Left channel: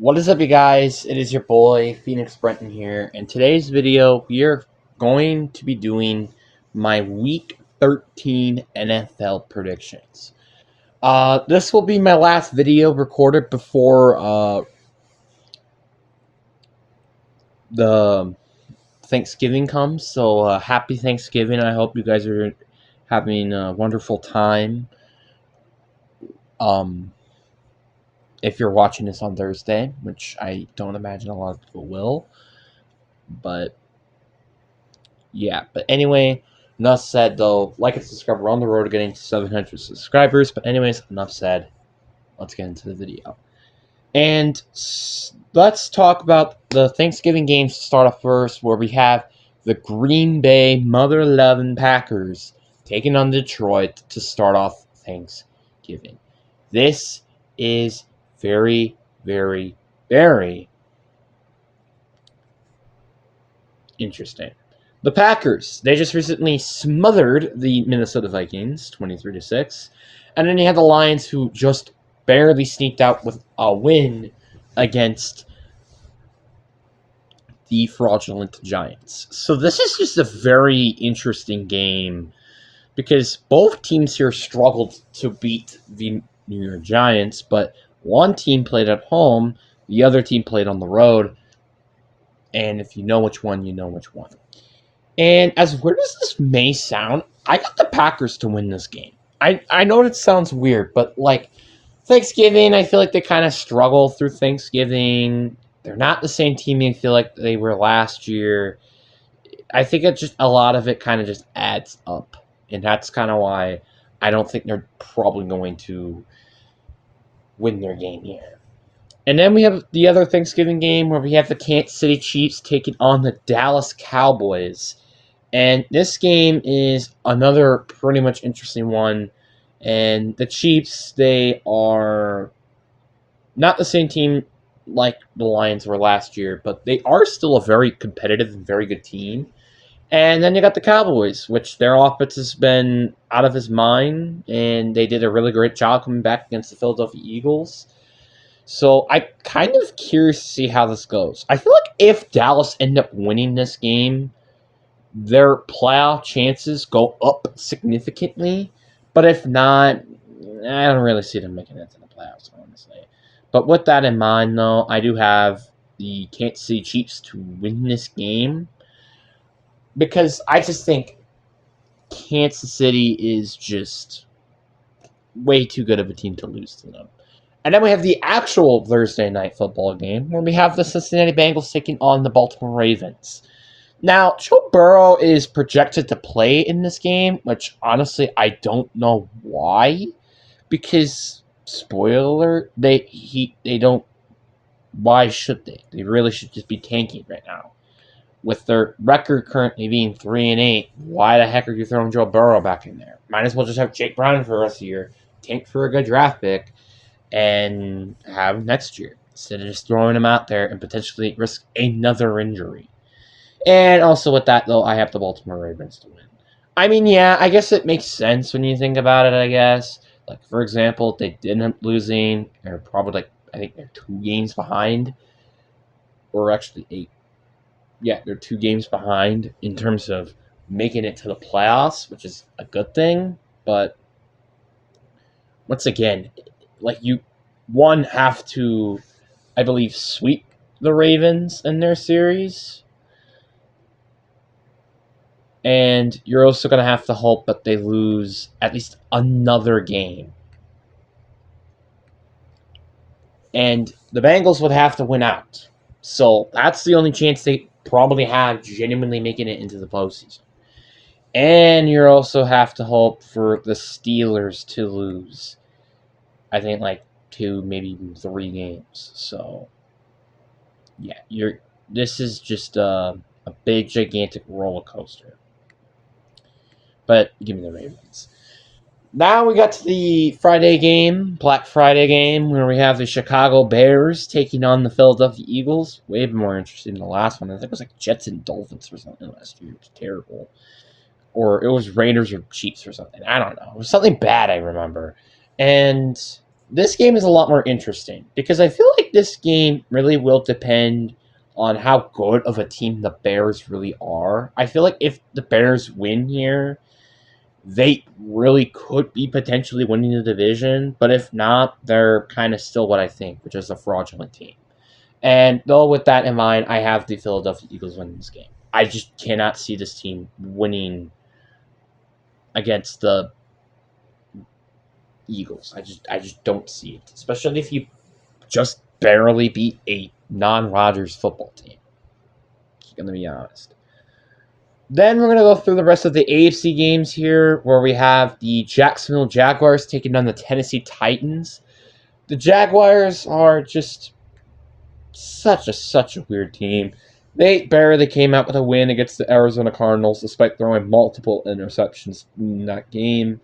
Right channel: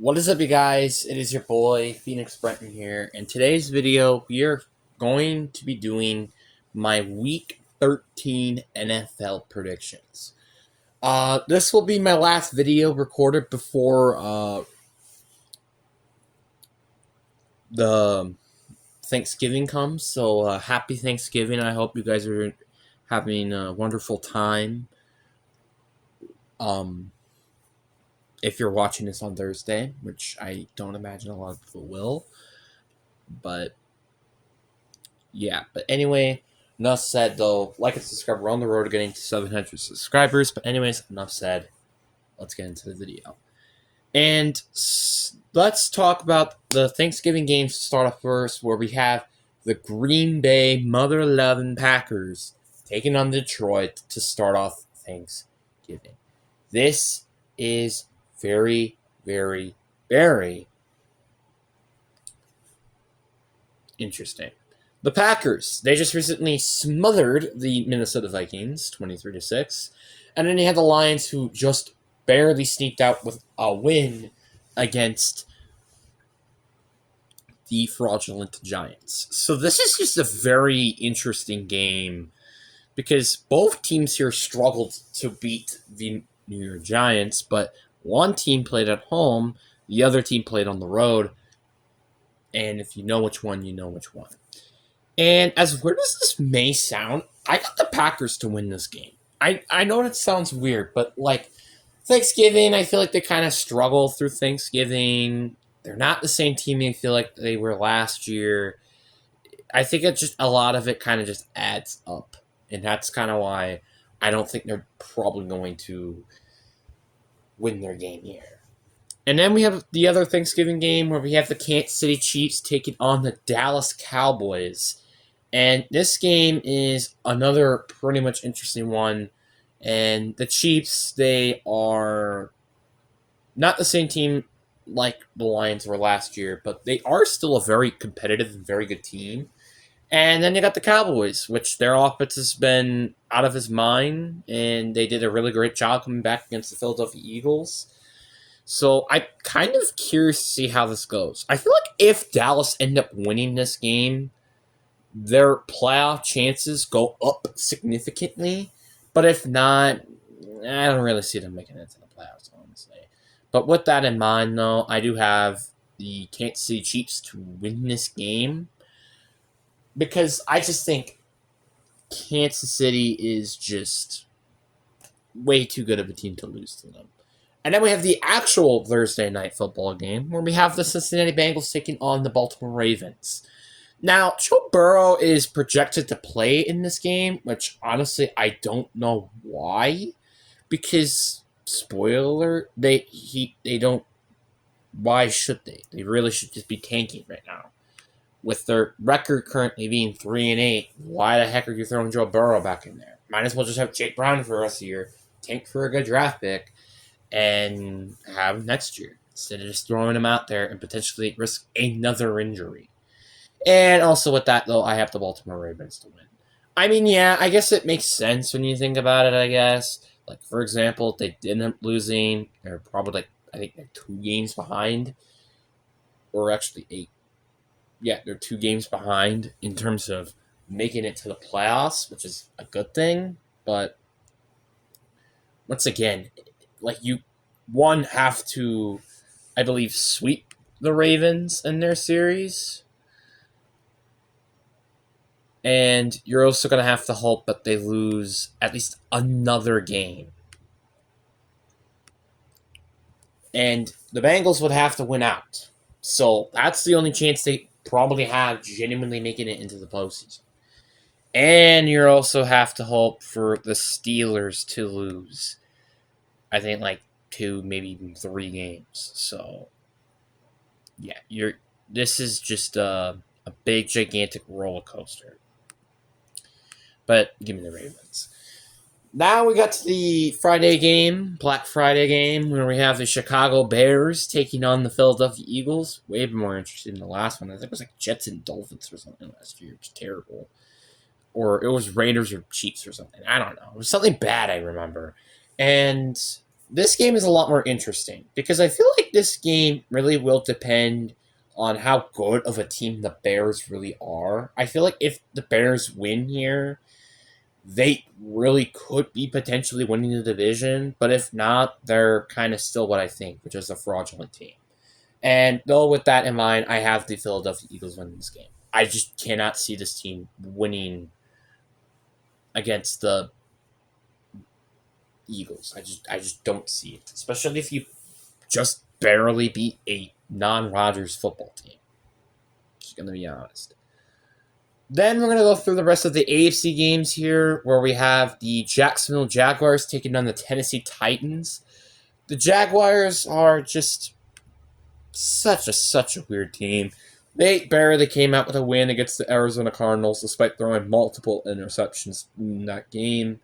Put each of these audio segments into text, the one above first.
What is up, you guys? It is your boy, Phoenix Brenton here. In today's video, we are going to be doing my Week 13 NFL predictions. This will be my last video recorded before the Thanksgiving comes. So, happy Thanksgiving. I hope you guys are having a wonderful time. Um, if you're watching this on Thursday, which I don't imagine a lot of people will, but yeah, but anyway, enough said though. Like and subscribe. We're on the road to getting to 700 subscribers. But anyways, enough said. Let's get into the video. And let's talk about the Thanksgiving games to start off first, where we have the Green Bay Mother Loving Packers taking on Detroit to start off Thanksgiving. This is very, very, very interesting. The Packers, they just recently smothered the Minnesota Vikings 23-6. And then you had the Lions, who just barely sneaked out with a win against the fraudulent Giants. So this is just a very interesting game because both teams here struggled to beat the New York Giants, but one team played at home, the other team played on the road. And if you know which one, you know which one. And as weird as this may sound, I got the Packers to win this game. I know it sounds weird, but like Thanksgiving, I feel like they kind of struggle through Thanksgiving. They're not the same team I feel like they were last year. I think it's just a lot of it kind of just adds up. And that's kind of why I don't think they're probably going to win their game here. And then we have the other Thanksgiving game where we have the Kansas City Chiefs taking on the Dallas Cowboys. And this game is another pretty much interesting one. And the Chiefs, they are not the same team like the Lions were last year, but they are still a very competitive and very good team. And then you got the Cowboys, which their offense has been out of his mind, and they did a really great job coming back against the Philadelphia Eagles. So I'm kind of curious to see how this goes. I feel like if Dallas end up winning this game, their playoff chances go up significantly. But if not, I don't really see them making it to the playoffs, honestly. But with that in mind, though, I do have the Kansas City Chiefs to win this game because I just think Kansas City is just way too good of a team to lose to them. And then we have the actual Thursday night football game where we have the Cincinnati Bengals taking on the Baltimore Ravens. Now, Joe Burrow is projected to play in this game, which honestly I don't know why. Because spoiler, they don't. Why should they? They really should just be tanking right now. With their record currently being 3-8, why the heck are you throwing Joe Burrow back in there? Might as well just have Jake Brown for the rest of the year, tank for a good draft pick, and have him next year instead of just throwing him out there and potentially risk another injury. And also with that, though, I have the Baltimore Ravens to win. I mean, yeah, I guess it makes sense when you think about it, I guess. Like, for example, they didn't end up losing. They're probably, like, I think they're 2 games behind. Or actually 8. Yeah, they're 2 games behind in terms of making it to the playoffs, which is a good thing. But once again, like, you, one, have to, I believe, sweep the Ravens in their series. And you're also going to have to hope that they lose at least another game. And the Bengals would have to win out. So that's the only chance they probably have genuinely making it into the postseason. And you also have to hope for the Steelers to lose. I think like 2, maybe even 3 games. So yeah, this is just a big, gigantic roller coaster. But give me the Ravens. Now we got to the Friday game, Black Friday game, where we have the Chicago Bears taking on the Philadelphia Eagles. Way more interesting than the last one. I think it was like Jets and Dolphins or something last year. It was terrible. Or it was Raiders or Chiefs or something. I don't know. It was something bad, I remember. And this game is a lot more interesting because I feel like this game really will depend on how good of a team the Bears really are. I feel like if the Bears win here, they really could be potentially winning the division, but if not, they're kind of still what I think, which is a fraudulent team. And though with that in mind, I have the Philadelphia Eagles winning this game. I just cannot see this team winning against the Eagles. I just don't see it, especially if you just barely beat a non-Rodgers football team. Just gonna be honest. Then we're gonna go through the rest of the AFC games here, where we have the Jacksonville Jaguars taking on the Tennessee Titans. The Jaguars are just such a weird team. They barely came out with a win against the Arizona Cardinals, despite throwing multiple interceptions in that game.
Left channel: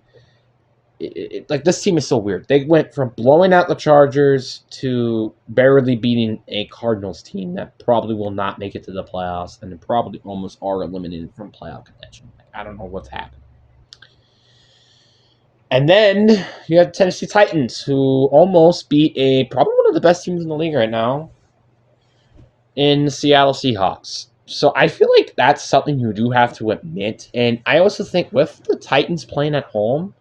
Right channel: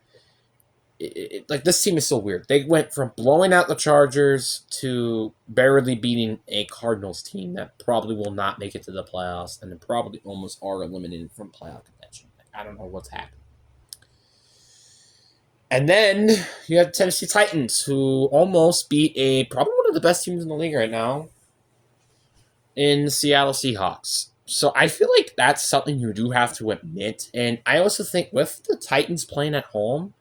Like this team is so weird. They went from blowing out the Chargers to barely beating a Cardinals team that probably will not make it to the playoffs, and they probably almost are eliminated from playoff contention. I don't know what's happened. And then you have Tennessee Titans, who almost beat a probably one of the best teams in the league right now in the Seattle Seahawks. So I feel like that's something you do have to admit. And I also think with the Titans playing at home,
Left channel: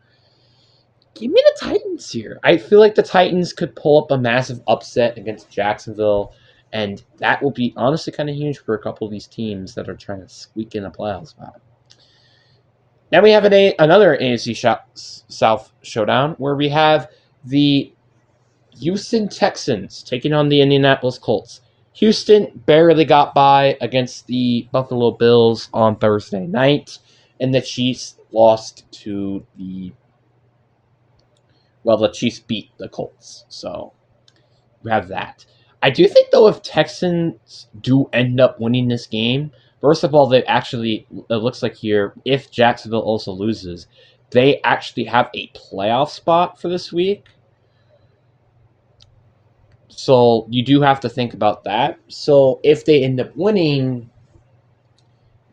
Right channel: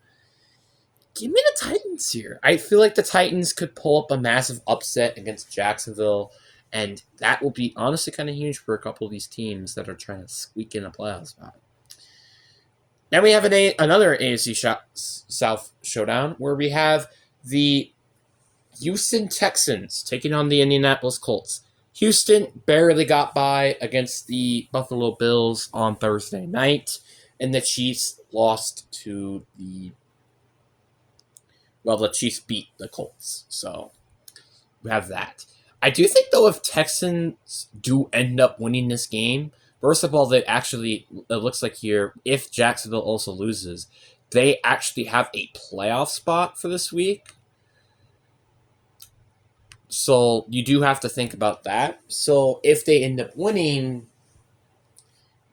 give me the Titans here. I feel like the Titans could pull up a massive upset against Jacksonville, and that will be honestly kind of huge for a couple of these teams that are trying to squeak in a playoff spot. Then we have another AFC South showdown where we have the Houston Texans taking on the Indianapolis Colts. Houston barely got by against the Buffalo Bills on Thursday night, and the Chiefs lost to the Chiefs beat the Colts. So we have that. I do think, though, if Texans do end up winning this game, first of all, it looks like here, if Jacksonville also loses, they actually have a playoff spot for this week. So you do have to think about that. So if they end up winning,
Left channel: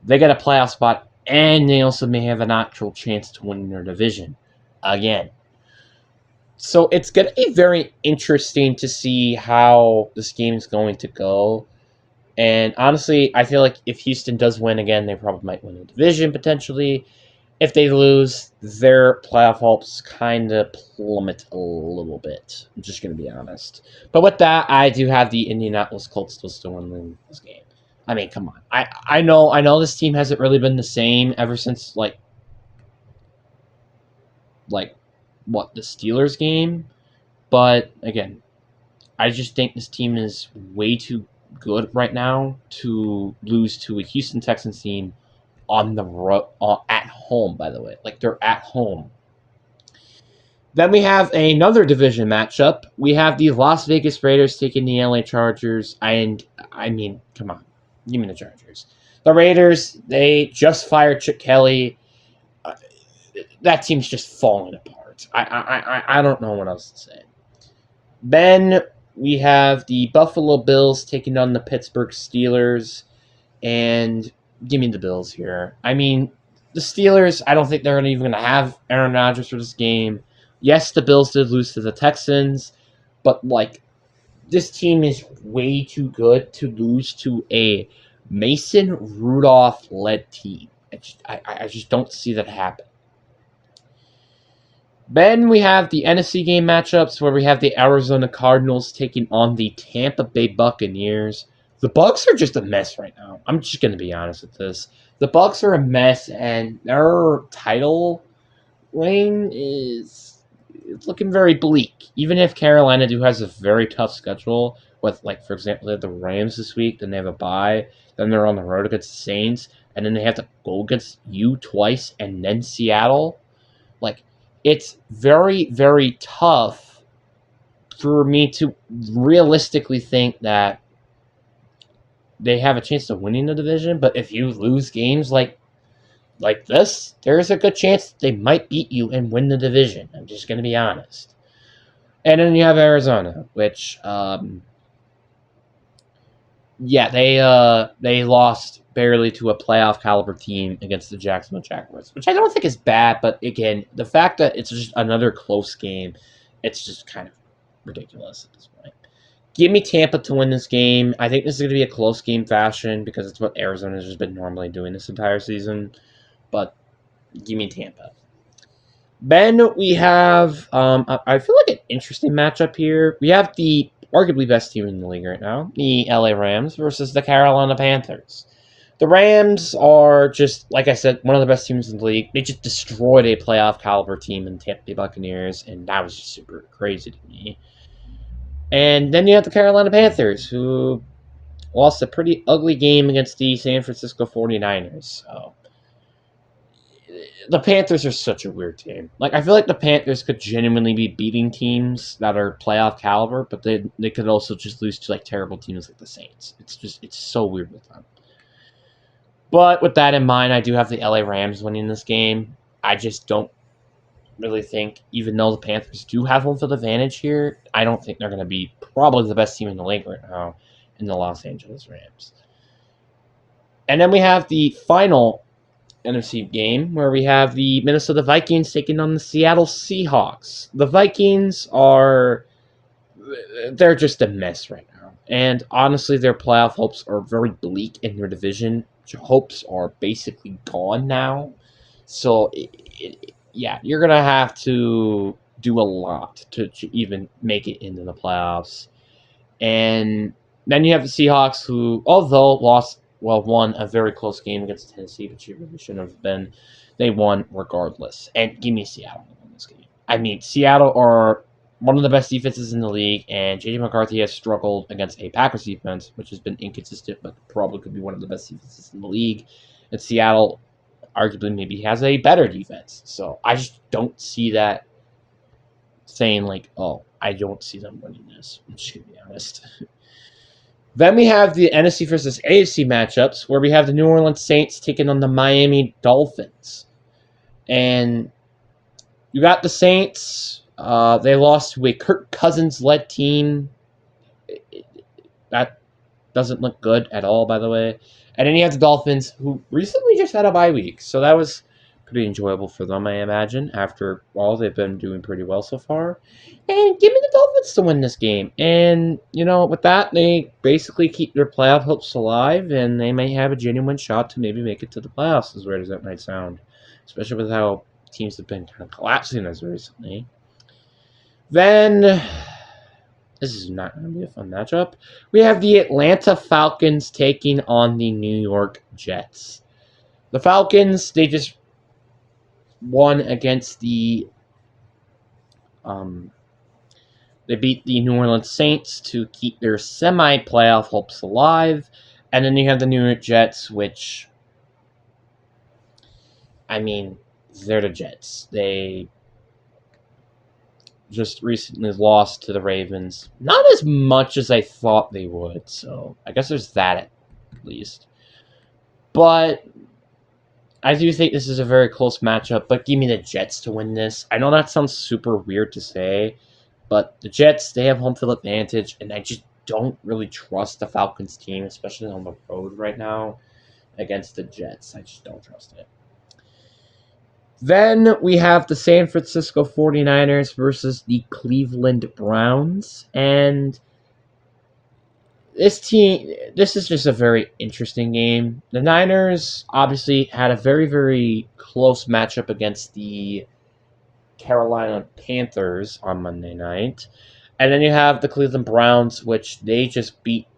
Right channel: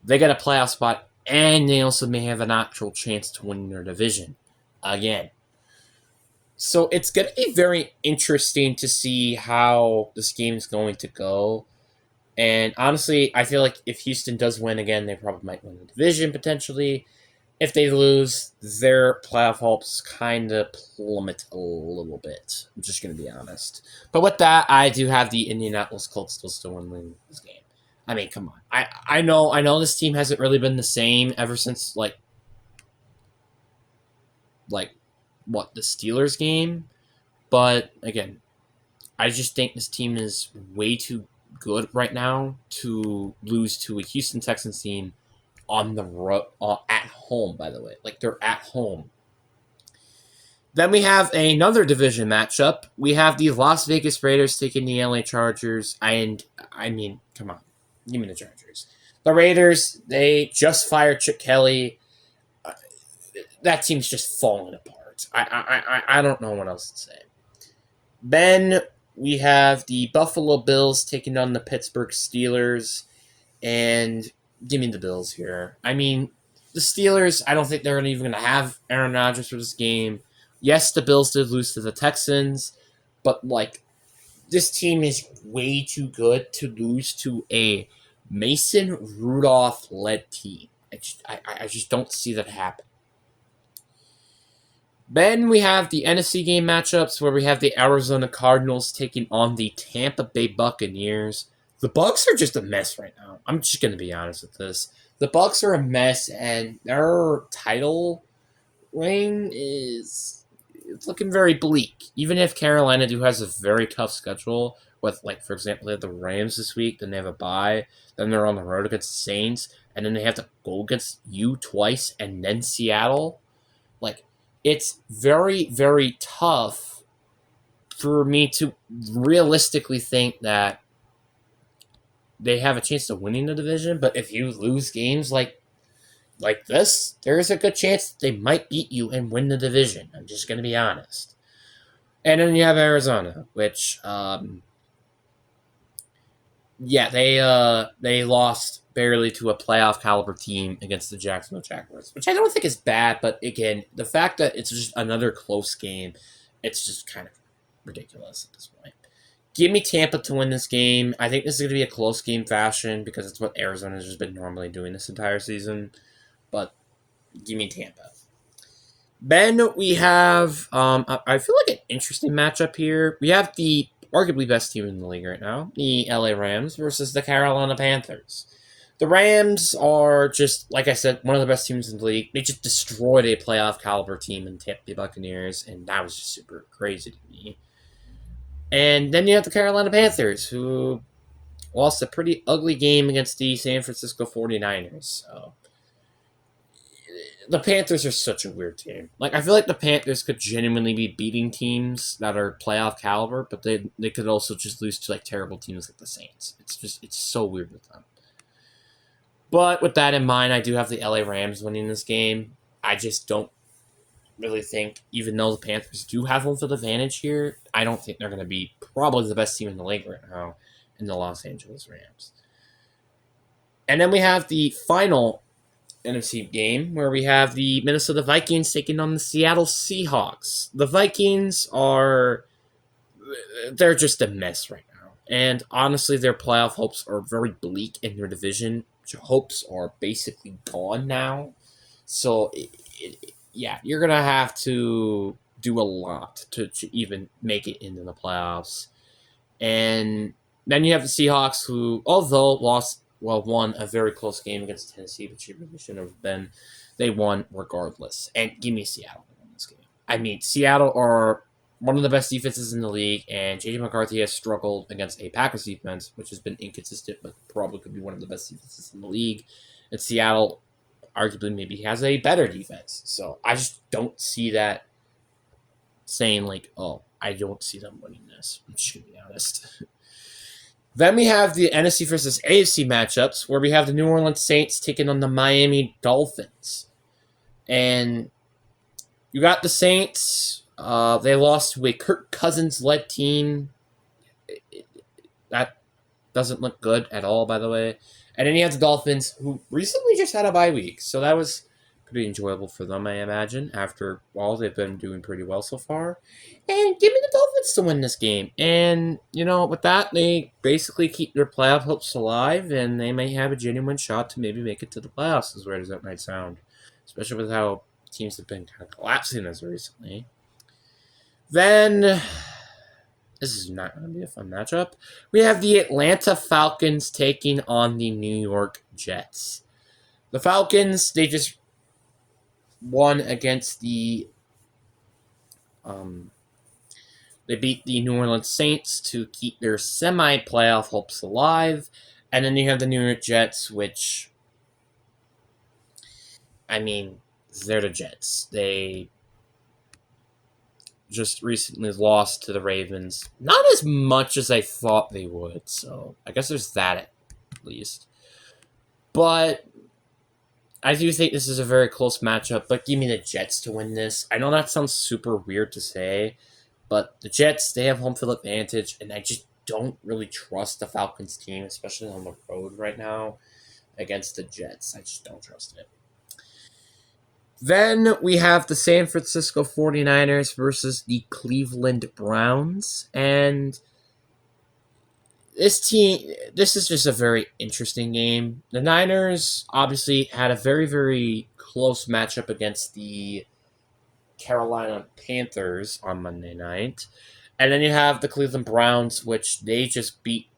they get a playoff spot, and they also may have an actual chance to win their division again. So it's going to be very interesting to see how this game is going to go. And honestly, I feel like if Houston does win again, they probably might win the division potentially. If they lose, their playoff hopes kind of plummet a little bit. I'm just going to be honest. But with that, I do have the Indianapolis Colts still want to win this game. I mean, come on. I know this team hasn't really been the same ever since like what, the Steelers game? But again, I just think this team is way too good right now to lose to a Houston Texans team on the at home, by the way. Like, they're at home. Then we have another division matchup. We have the Las Vegas Raiders taking the LA Chargers. And, I mean, come on. Give me the Chargers. The Raiders, they just fired Chip Kelly. That team's just falling apart. I don't know what else to say. Then we have the Buffalo Bills taking on the Pittsburgh Steelers. And give me the Bills here. I mean, the Steelers, I don't think they're even going to have Aaron Rodgers for this game. Yes, the Bills did lose to the Texans, but, like, this team is way too good to lose to a Mason Rudolph-led team. I just don't see that happen. Then we have the NFC game matchups where we have the Arizona Cardinals taking on the Tampa Bay Buccaneers. The Bucs are just a mess right now. I'm just going to be honest with this. The Bucs are a mess, and their title reign is looking very bleak. Even if Carolina has a very tough schedule with, like, for example, they have the Rams this week, then they have a bye, then they're on the road against the Saints, and then they have to go against you twice, and then Seattle. Like, it's very, very tough for me to realistically think that they have a chance of winning the division. But if you lose games like this, there is a good chance that they might beat you and win the division. I'm just going to be honest. And then you have Arizona, which, they lost barely to a playoff caliber team against the Jacksonville Jaguars, which I don't think is bad, but again, the fact that it's just another close game, it's just kind of ridiculous at this point. Give me Tampa to win this game. I think this is going to be a close game fashion because it's what Arizona has just been normally doing this entire season. But give me Tampa. Then we have, I feel like an interesting matchup here. We have the arguably best team in the league right now, the LA Rams versus the Carolina Panthers. The Rams are just, like I said, one of the best teams in the league. They just destroyed a playoff caliber team in Tampa Bay Buccaneers, and that was just super crazy to me. And then you have the Carolina Panthers, who lost a pretty ugly game against the San Francisco 49ers. So the Panthers are such a weird team. Like, I feel like the Panthers could genuinely be beating teams that are playoff caliber, but they could also just lose to like terrible teams like the Saints. It's so weird with them. But with that in mind, I do have the LA Rams winning this game. I just don't really think, even though the Panthers do have home field advantage here, I don't think they're going to be probably the best team in the league right now in the Los Angeles Rams. And then we have the final NFC game where we have the Minnesota Vikings taking on the Seattle Seahawks. The Vikings they're just a mess right now. And honestly, their playoff hopes are very bleak in their division. Hopes are basically gone now. So, yeah, you're going to have to do a lot to even make it into the playoffs. And then you have the Seahawks, who, although won a very close game against Tennessee, which you really shouldn't have been, they won regardless. And give me Seattle to win this game. I mean, Seattle are one of the best defenses in the league, and J.J. McCarthy has struggled against a Packers defense, which has been inconsistent, but probably could be one of the best defenses in the league. And Seattle arguably maybe has a better defense. So I just don't see that saying like, oh, I don't see them winning this. I'm just going to be honest. Then we have the NFC versus AFC matchups where we have the New Orleans Saints taking on the Miami Dolphins. And you got the Saints. They lost to a Kirk Cousins-led team. That doesn't look good at all, by the way. And then you have the Dolphins, who recently just had a bye week. So that was pretty enjoyable for them, I imagine. After all, they've been doing pretty well so far. And give me the Dolphins to win this game. And, with that, they basically keep their playoff hopes alive, and they may have a genuine shot to maybe make it to the playoffs, as weird as that might sound. Especially with how teams have been kind of collapsing as recently. Then, this is not going to be a fun matchup. We have the Atlanta Falcons taking on the New York Jets. The Falcons, they just won against the they beat the New Orleans Saints to keep their semi-playoff hopes alive. And then you have the New York Jets, which, I mean, they're the Jets. They just recently lost to the Ravens. Not as much as I thought they would, so I guess there's that at least. But I do think this is a very close matchup, but give me the Jets to win this. I know that sounds super weird to say, but the Jets, they have home field advantage, and I just don't really trust the Falcons team, especially on the road right now against the Jets. I just don't trust it. Then we have the San Francisco 49ers versus the Cleveland Browns. And this is just a very interesting game. The Niners obviously had a very, very close matchup against the Carolina Panthers on Monday night. And then you have the Cleveland Browns, which they just beat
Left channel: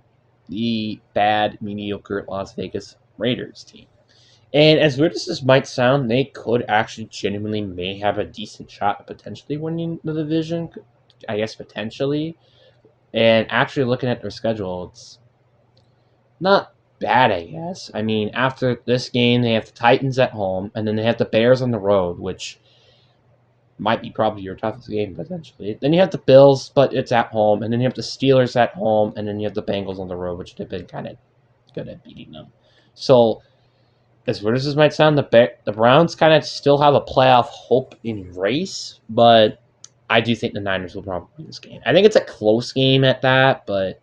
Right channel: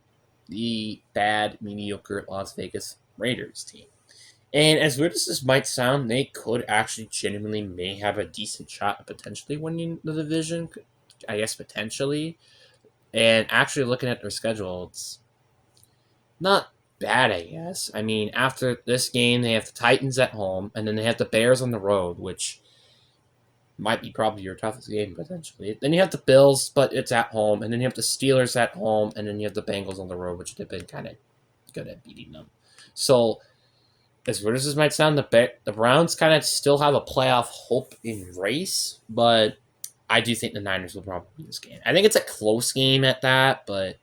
the bad, mediocre Las Vegas Raiders team. And as weird as this might sound, they could actually genuinely may have a decent shot of potentially winning the division. I guess potentially. And actually looking at their schedule, it's not bad, I guess. I mean, after this game, they have the Titans at home, and then they have the Bears on the road, which might be probably your toughest game, potentially. Then you have the Bills, but it's at home, and then you have the Steelers at home, and then you have the Bengals on the road, which they've been kind of good at beating them. So, as weird as this might sound, the Browns kind of still have a playoff hope in race, but I do think the Niners will probably win this game. I think it's a close game at that, but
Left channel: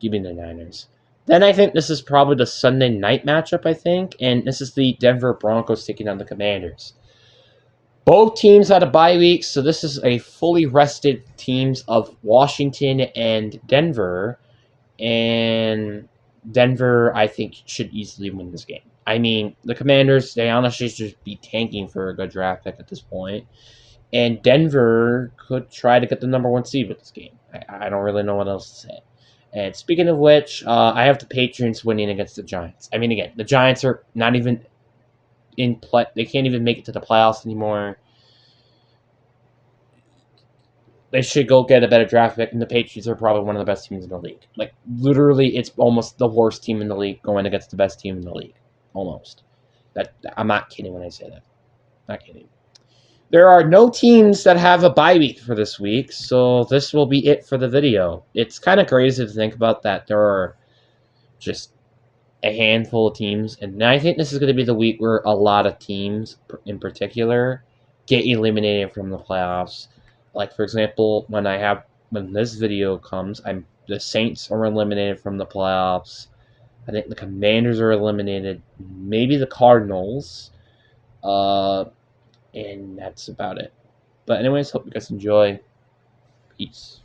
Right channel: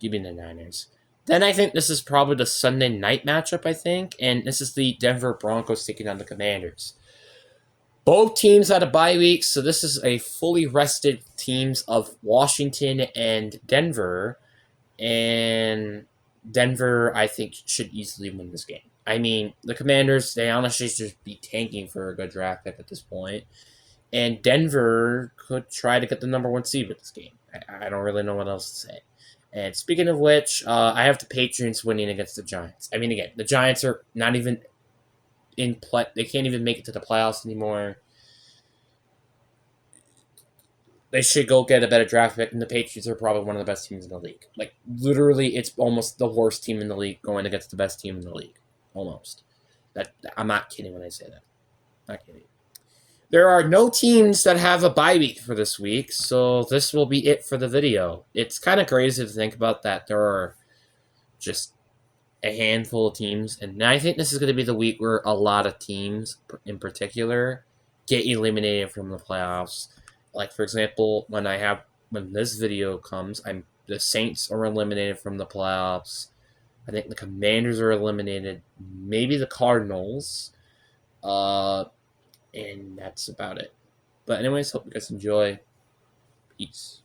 give me the Niners. Then I think this is probably the Sunday night matchup, I think, and this is the Denver Broncos taking on the Commanders. Both teams had a bye week, so this is a fully rested teams of Washington and Denver. And Denver, I think, should easily win this game. I mean, the Commanders, they honestly should just be tanking for a good draft pick at this point. And Denver could try to get the number 1 seed with this game. I don't really know what else to say. And speaking of which, I have the Patriots winning against the Giants. I mean, again, the Giants are not even in play. They can't even make it to the playoffs anymore. They should go get a better draft pick, and the Patriots are probably one of the best teams in the league. Like, literally, it's almost the worst team in the league going against the best team in the league. Almost. I'm not kidding when I say that. Not kidding. There are no teams that have a bye week for this week, so this will be it for the video. It's kind of crazy to think about that there are just a handful of teams, and I think this is going to be the week where a lot of teams, in particular, get eliminated from the playoffs. Like, for example, when this video comes, the Saints are eliminated from the playoffs. I think the Commanders are eliminated. Maybe the Cardinals. And that's about it. But anyways, hope you guys enjoy. Peace.